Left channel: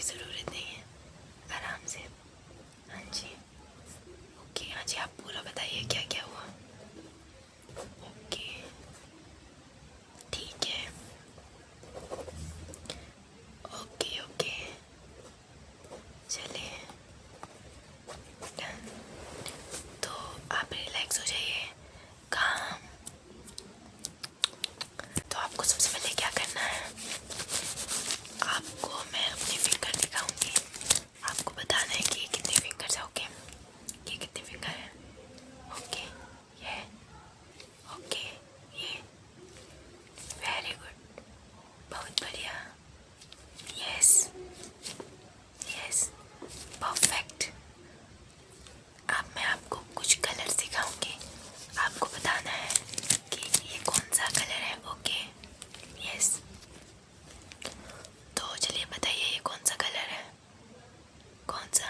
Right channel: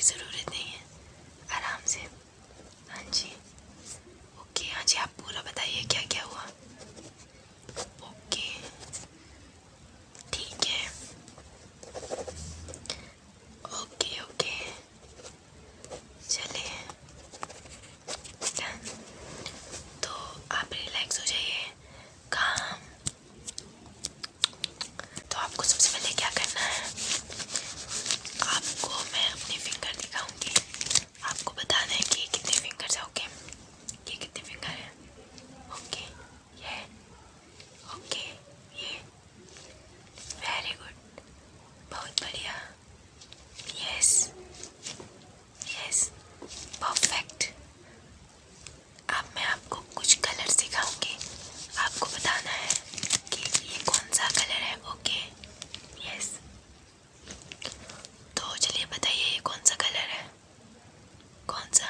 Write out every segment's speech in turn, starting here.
की ज़रूरत नहीं है, आराम से। हाँ जी, ओके। हाँ जी, आप पूरा बताइए क्या क्या हुआ। ओके, ठीक है। ओके ओके, चलिए डन। तो आप रिलैक्स हो जाइए, काम। तो आपको सबसे पहले क्या करना है, आपको मैं अपनी फिंगर दिखाऊंगी, आपको बताना है कि ये कितने फिंगर्स है। ओके, ये कितने फिंगर है। ओके, ये, ओके, ये, वेरी गुड, बहुत बढ़िया, यस यस, परफेक्ट। अब मैं आपको कुछ कलर सिखाऊंगी, आपको बताना है कि ये कौन सा कलर है। Okay, yes. तो चलिए बताइए, ये कौन सा कलर है, कौन सा।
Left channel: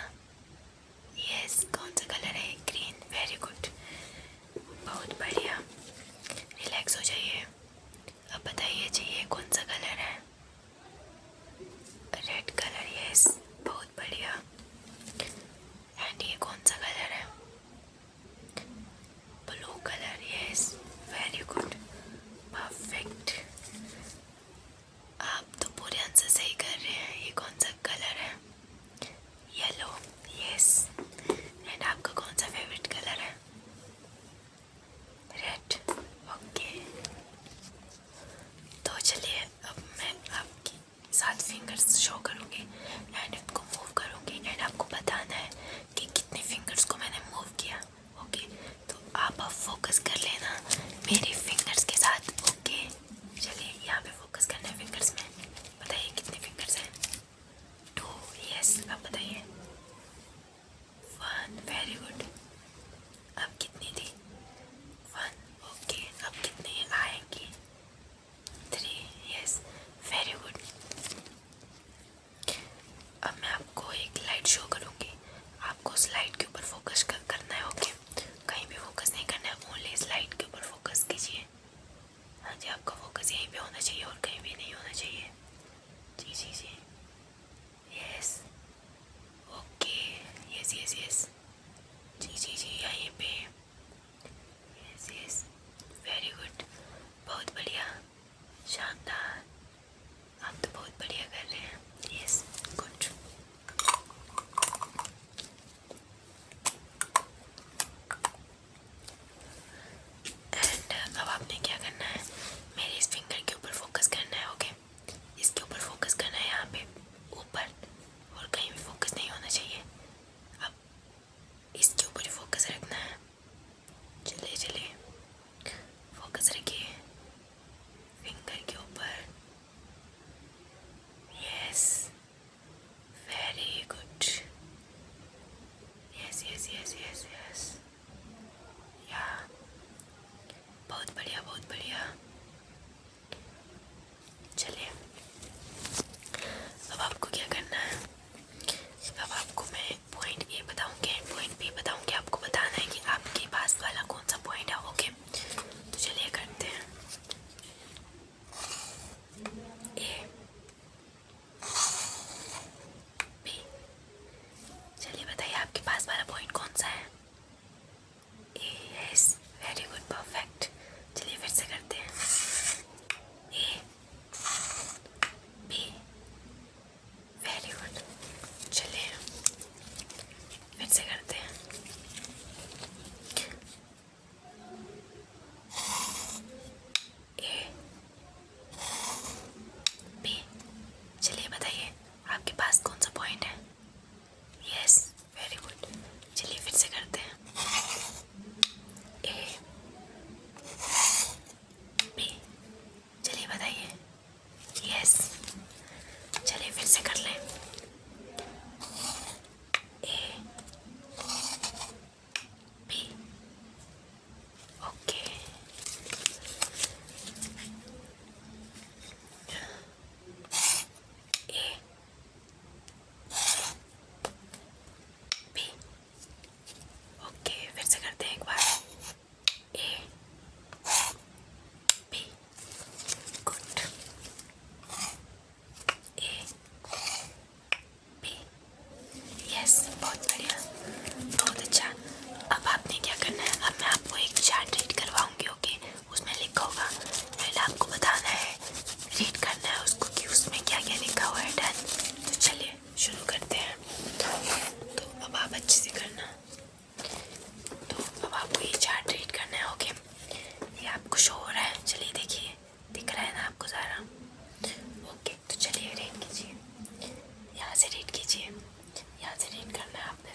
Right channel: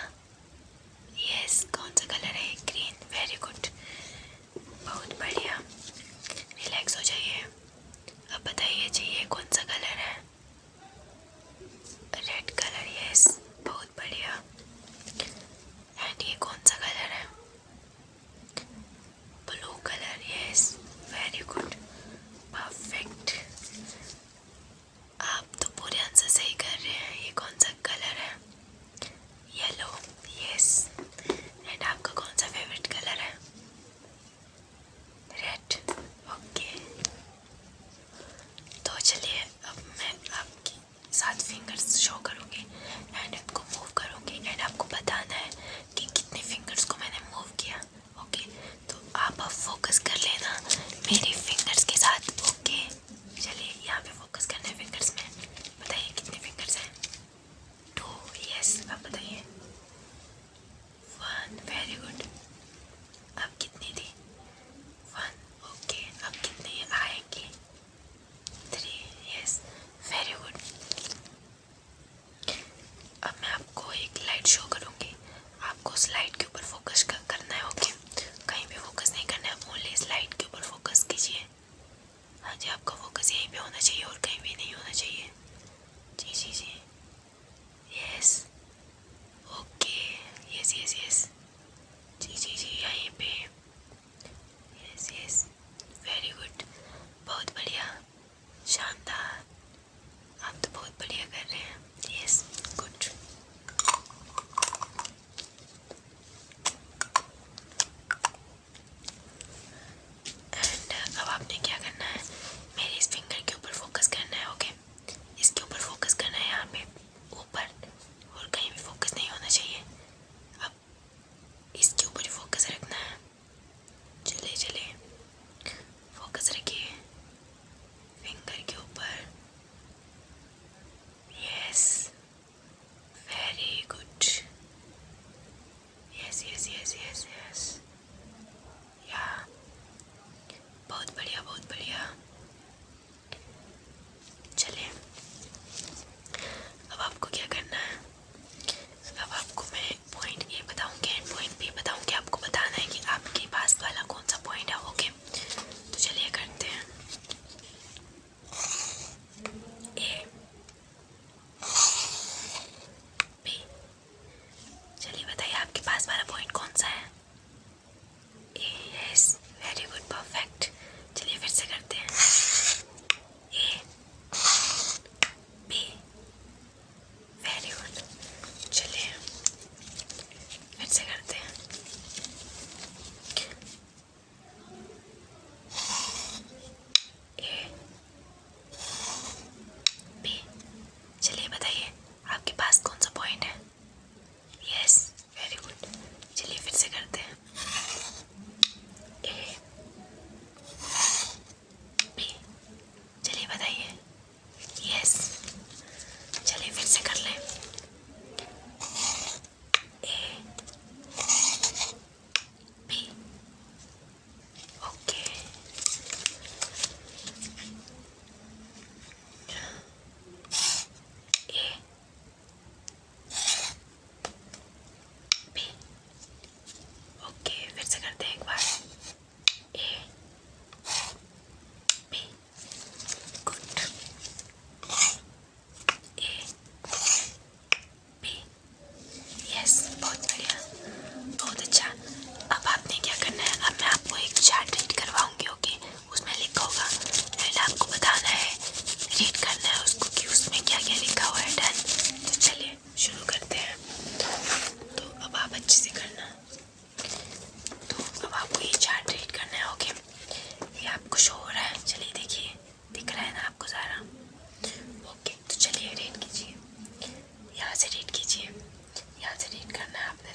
यस, कौन सा कलर है, ग्रीन, वेरी गुड, बहुत बढ़िया। रिलैक्स हो जाइए। अब बताइए जी, ये कौन सा कलर है, रेड कलर, यस, बहुत बढ़िया। एंड ये कौन सा कलर है, blue colour, yes, very good, perfect. आप तो पूरे आंसर सही कर रहे हैं। ये कौन सा कलर है, येलो, यस। एंड आपका कौन सा फेवरेट कलर है, रेड, ओके। तो चलिए अब मैं आपकी 7 फिंगर्स शो करूँगी एंड उनको मूव करूँगी एंड आपको बताना है कि कितने फिंगर्स को मैंने मूव किया। ओके, तो आप अब फोकस कर लेना मेरी फिंगर्स के साथ। ओके, चलिए यहाँ पे फोकस करना है फिंगर्स में। बताइए कितने फिंगर्स हैं, 2, यस। अब बताइए 1, वेरी गुड। अब कितनी थी, 1, ओके। अब कितनी आएंगी, 3, यस, वेरी गुड। अब मैं आपको एक लाइट शो करूँगी, आपको उस लाइट के ऊपर फोकस करना है। ओके, कहीं भी फोकस नहीं करना है, ओनली इस लाइट के ऊपर फोकस कीजिए।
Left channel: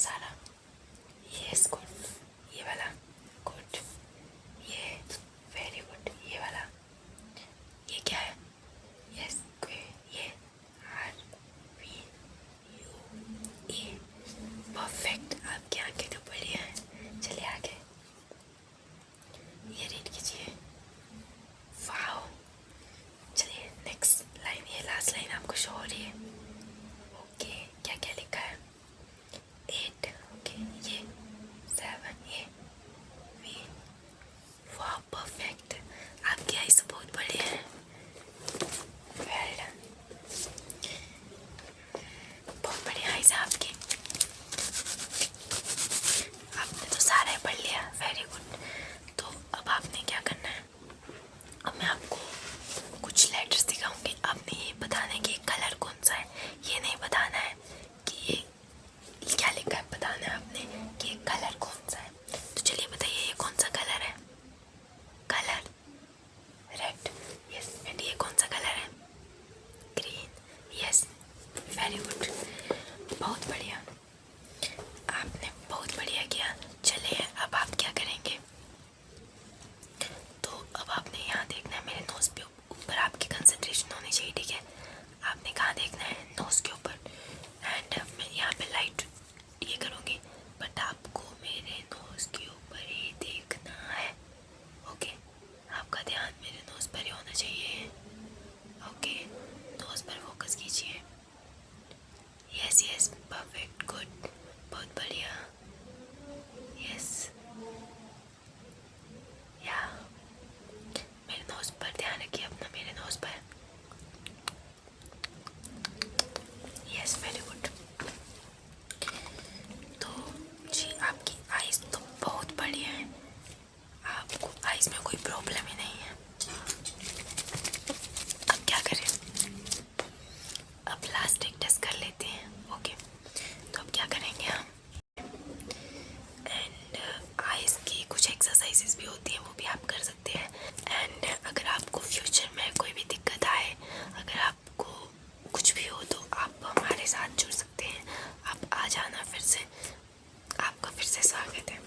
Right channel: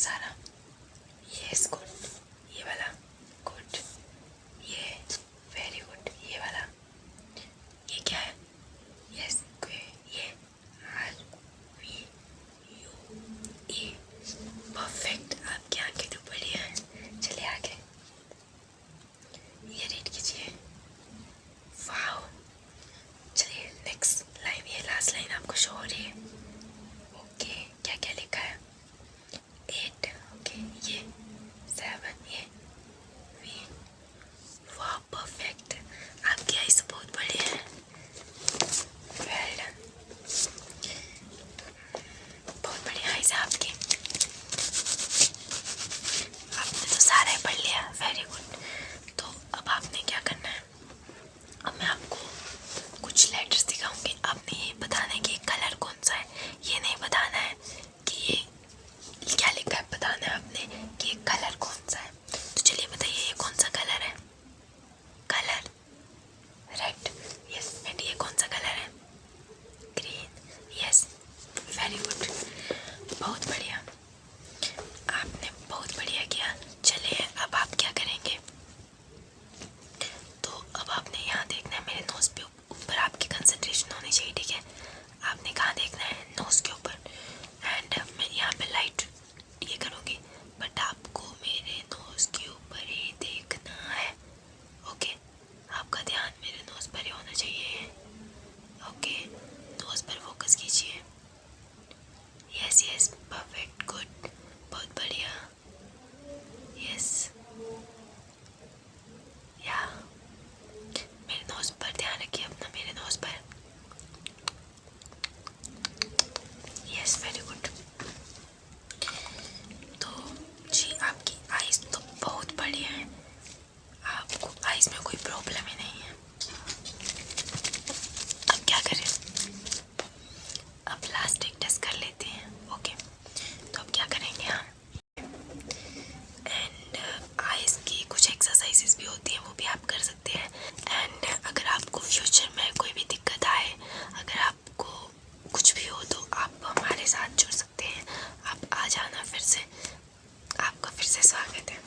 सारा। यस गुड, ये वाला गुड, ये वेरी गुड, ये वाला, ये क्या है? यस ये RVUE परफेक्ट। आपकी आंखें तो बढ़िया हैं। चलिए आगे, ये रीड कीजिए। वाओ, चलिए नेक्स्ट लाइन, ये लास्ट लाइन आपको शो हो रही है। ओके, क्या क्या लिखा है? 8, ओके, ये 7, ये V। वाह परफेक्ट, आपकी आईज तो बहुत बढ़िया है। वेल डन, बहुत बढ़िया आईज है आपकी। आपने तो सारा ही पढ़ लिया, वेरी गुड। तो अब आपने क्या करना है, अब मैं आपको कुछ लेटर्स दिखाऊंगी। आपने ये बताना है कि कलर कौन सा है, ये नहीं बताना है कि ये क्या लिखा है, बताना है आपने कि ये कलर कौन सा है। तो चलिए बताइए, ये कौन सा कलर है? Colour red, yes. एंड ये कौन सा कलर है? ग्रीन, यस, वेरी गुड, बहुत बढ़िया, आपने बहुत बढ़िया किया। चलिए अब आप क्या करेंगे, तो अब आपने यहाँ देखना है, मेरे नोज पे ऊपर आपकी कंसंट्रेशन होनी चाहिए, ठीक है? आपने कहाँ देखना है? नोज के ऊपर। एंड मैं यहाँ पे लाइट ये करूँगी, बट आपको मेरे नोज के ऊपर ही देखना है। ओके, आपका ध्यान मेरे नोज पर ही होना चाहिए। ओके, नोज पर फोकस कीजिए। यस यस, परफेक्ट, गुड, बहुत बढ़िया, यस, या मेरे नोज पर ध्यान रखिए अपना, मेरे नोज पर। Yes, very good. तो जी आपकी आइज तो बहुत बढ़िया है, आपको आइज में कोई प्रॉब्लम ही नहीं है। अब क्या करें, अब लास्ट एक टेस्ट कर लेते हैं। ओके, तो अब क्या करेंगे हम, एंड आइज की कुछ एक्सरसाइजेस भी होती हैं, वो भी आप कर सकते हैं। एंड अगर आपको फ्यूचर में कोई भी दिक्कत आए, अगर आपको कुछ भी हो, तो आप हमारे साथ जुड़ सकते हैं। आप आ जाना फिर से, आपका फिर से स्वागत है।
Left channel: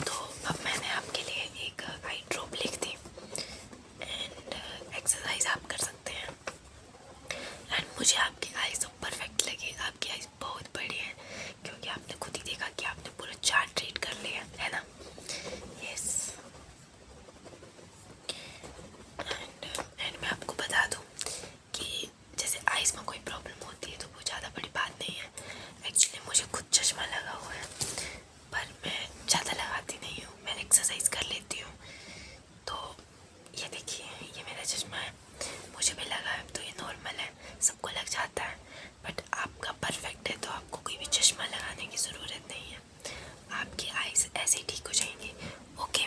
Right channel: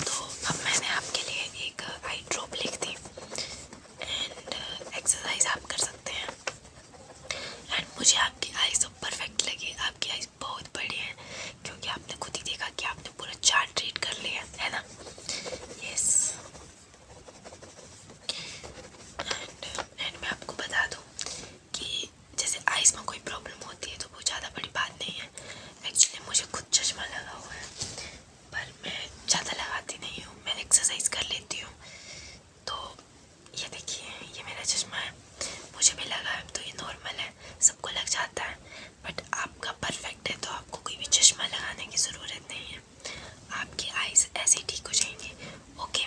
तो अब मैंने आपके लिए एक आई ड्रॉप लिख दी, एंड एक्सरसाइज आप कर सकते हैं। एंड मुझे आपकी आईज तो परफेक्ट लगी, आपकी आईज बहुत बढ़िया है, क्योंकि आपने खुद ही देखा कि आपने पूरा चार्ट रीड कर लिया है ना। यस, एंड मैं आपको बता दूं कि जैसे आईज में कोई प्रॉब्लम होती है तो वो ज़्यादा बड़ी बात नहीं है। एक्चुअली मुझे खुद चश्मा लगा हुआ है, पर मैं ज़्यादा लगाती नहीं हूँ, मैं एक्सरसाइज कर लेती हूँ। तो ये देखिए, ये मेरा चश्मा है, मुझे भी लगा है, तो ये नॉर्मल है, सबको लग जाता है। बट आपका परफेक्ट है, तो आपको कोई भी चश्मा लगाने की ज़रूरत नहीं है, आपकी आईज ऐसे ही ठीक हो जाएंगी। ओके,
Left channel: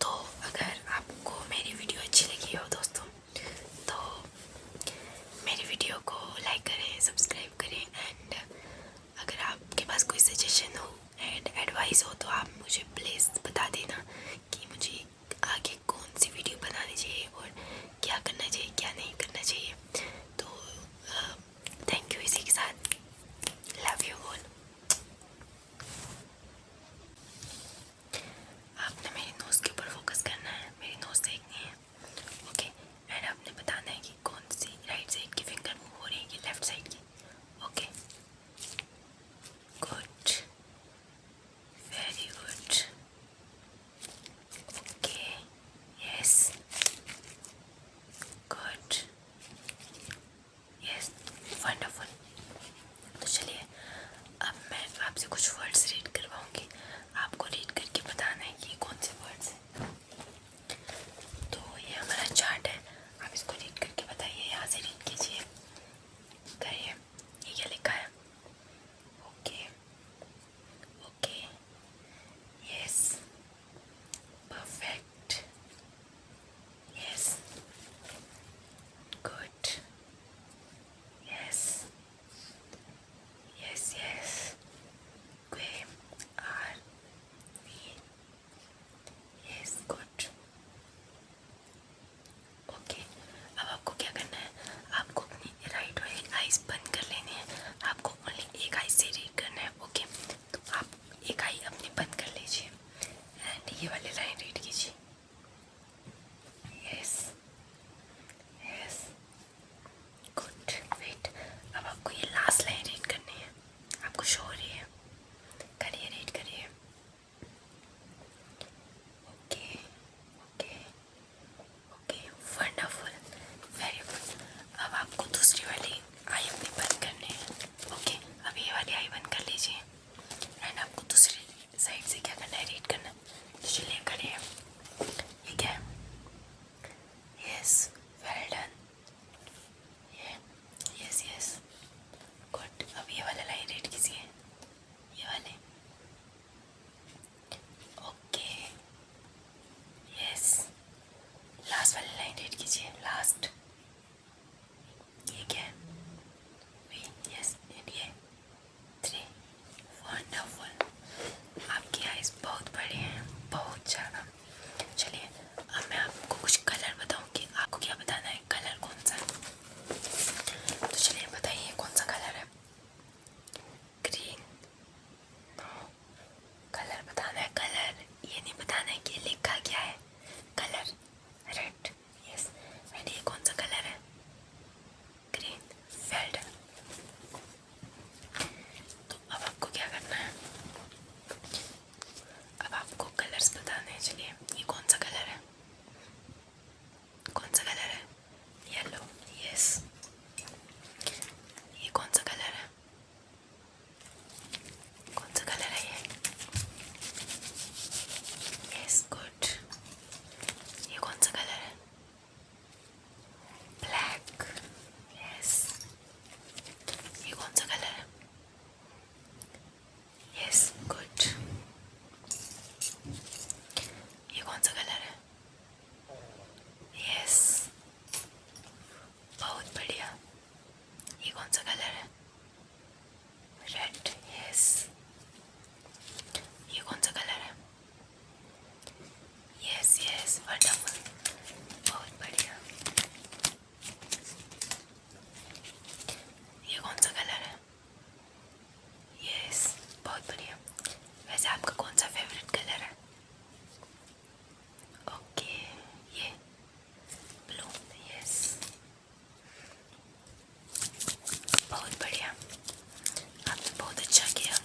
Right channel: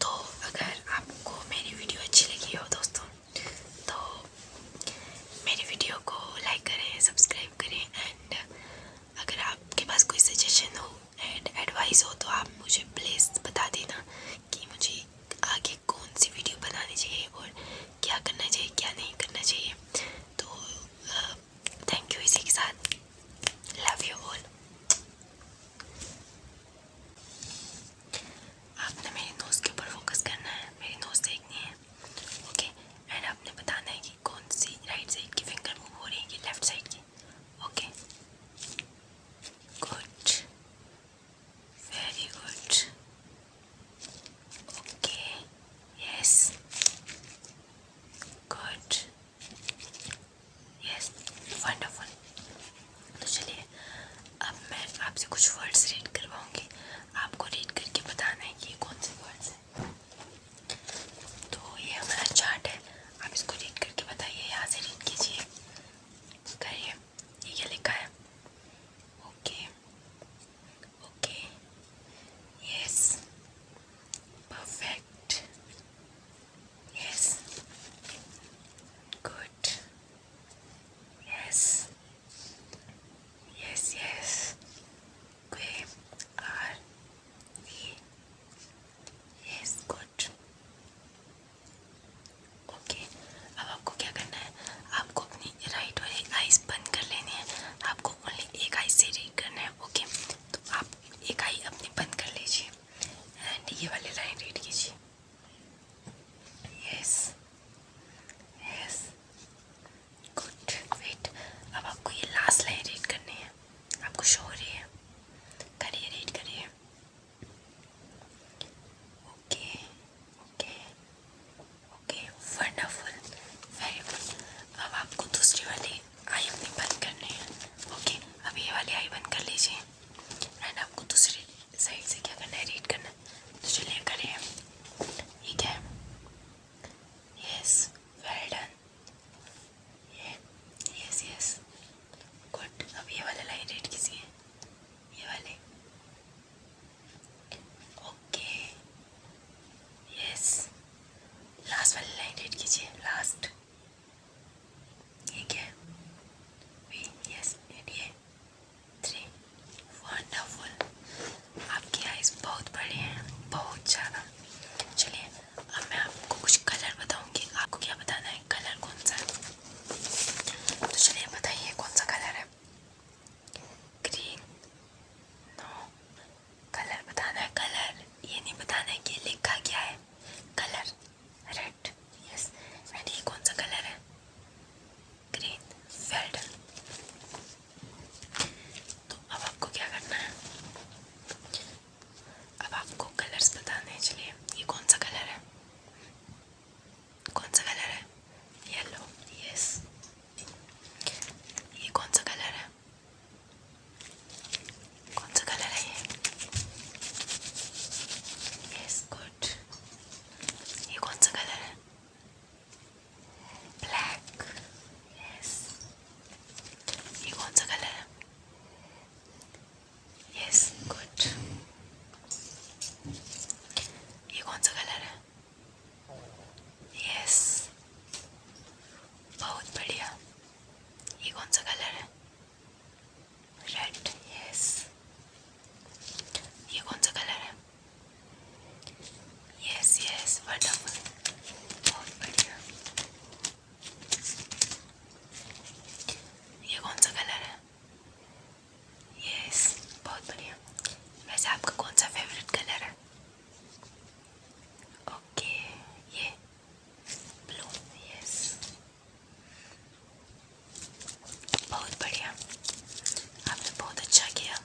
तो अगर आपको मेरी वीडियो अच्छी लगी हो दोस्तों, तो मेरी वीडियो को लाइक करें, सब्सक्राइब करें। एंड अगर आपके पास कोई सजेशन हो एंड एडवाइस हो, तो आप मुझे प्लीज़ बता देना कि मुझे आगे कौन सी वीडियो बनानी चाहिए और क्या करना चाहिए, क्या नहीं करना चाहिए। तो थैंक यू, इसी के साथ लव यू ऑल। आपने मेरे नोज़ के ऊपर फोकस करना है, मेरी नोज़ देखनी है। ओके, एंड आपने बताना है कि कौन सी राइट साइड की फिंगर मूव हो रही है कि लेफ्ट साइड की। Okay, good, very good, okay, yes, good, कौन सा कलर है? Red, yes. ये कौन सा कलर है? यस यस, वंडरफुल, बहुत बढ़िया। ये कौन सा कलर है? यस, बहुत बढ़िया। वैसे आपका कौन सा फेवरेट कलर है? ओके, ये ब्लू, यस, बहुत बढ़िया। आपने बहुत अच्छा किया।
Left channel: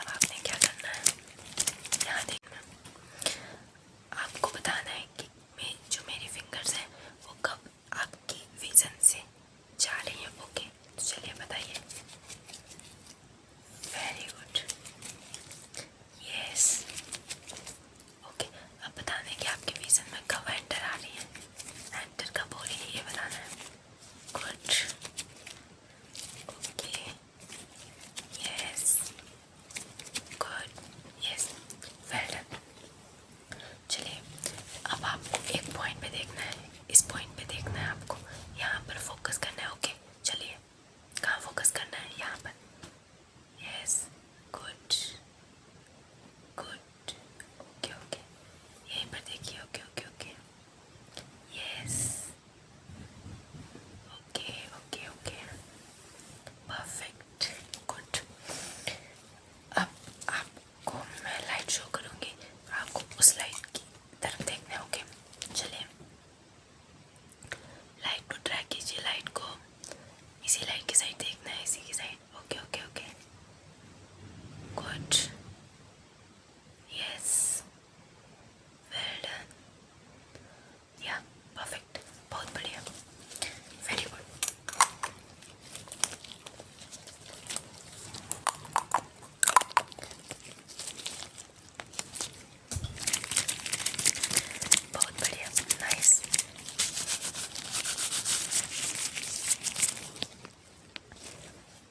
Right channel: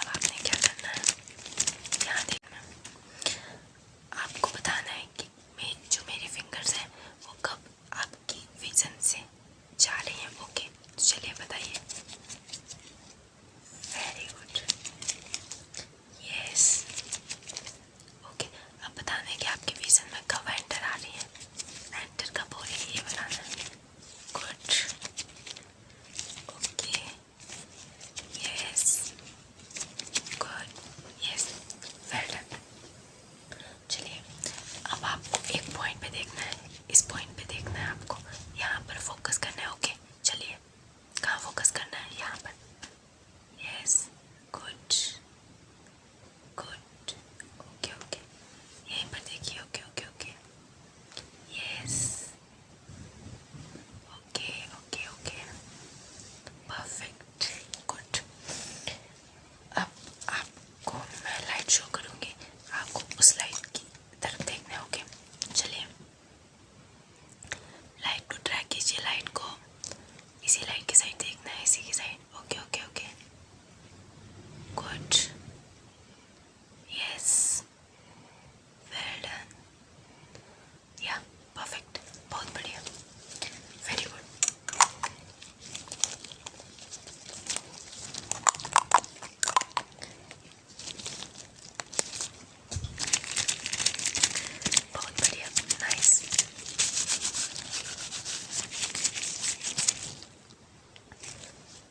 अब आपने क्या करना है, यहाँ देखना। आपको बताना है कि जो मेरी फिंगर्स हैं वो कब आपकी विजन से जा रही हैं। ओके, तो चलिए बताइए। Very good, yes. ओके, अब बताना है कि आपके विजन में कब एंटर आ रही है। एंटर कब हो रही है ये बताना है। Good, okay, yes, good, yes, well done. चलिए, अब आपको एक पॉइंट पे देखना है, इस पॉइंट पे देखना है आपको, यहाँ पर फोकस करना है। ओके, चलिए, कहाँ फोकस करना है? यहाँ पर, yes, good good, okay okay, यहीं पर देखिए। Okay okay okay, yes, okay okay okay, perfect, good. अब आपको मैं लाइट शो करूँगी, आपको उस लाइट की तरफ देखना है। ओके, चलिए, लाइट को ट्रैक कीजिए, लाइट को इसी लाइट की साइड देखना है, इसी की side. Okay okay okay, good, yes, well done, या परफेक्ट, बहुत बढ़िया, वेरी गुड। बहुत बढ़िया, नाइस।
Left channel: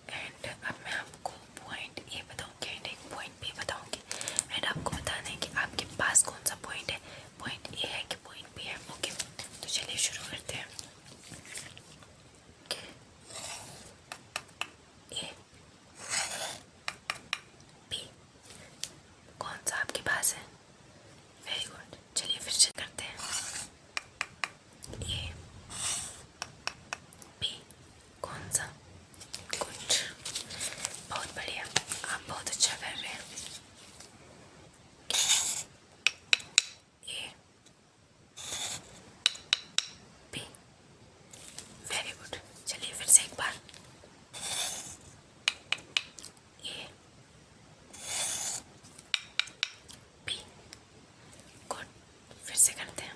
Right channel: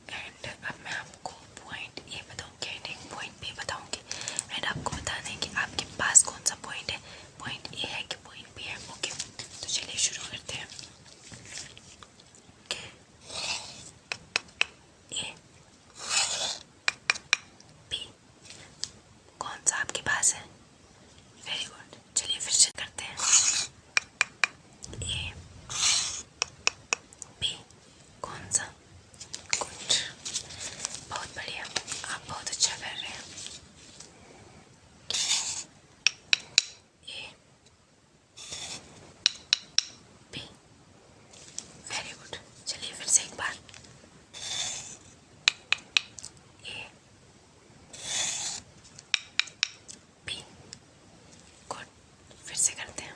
एंड अब मैं आपको पॉइंट ए बताऊंगी एंड एक पॉइंट बी बताऊंगी एंड आपको बताना है कि आपके पास कौन सा पॉइंट है, पॉइंट ए है कि पॉइंट बी है। ओके, तो चलिए शुरू करते हैं। ए, बी, कौन सा आपके पास है? वेरी गुड, चलिए फिर से करते हैं। ए, बी, कौन सा? गुड, बहुत बढ़िया, आप बहुत अच्छा कर रहे हैं। ए, बी, वेरी गुड, चलिए फिर से एक बार। ए, बी, गुड, फिर से करते हैं।